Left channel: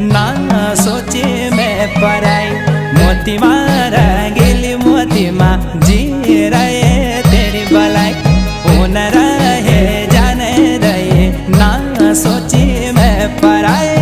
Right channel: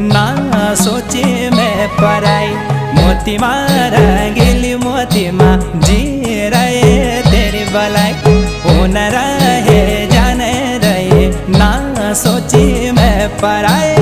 ना सोचे मैं पराई। मोती माँ रंगीली मोती माँ जी रहे तेरी भलाई। उन रहे जाने रहे ना सोची मैं पराई।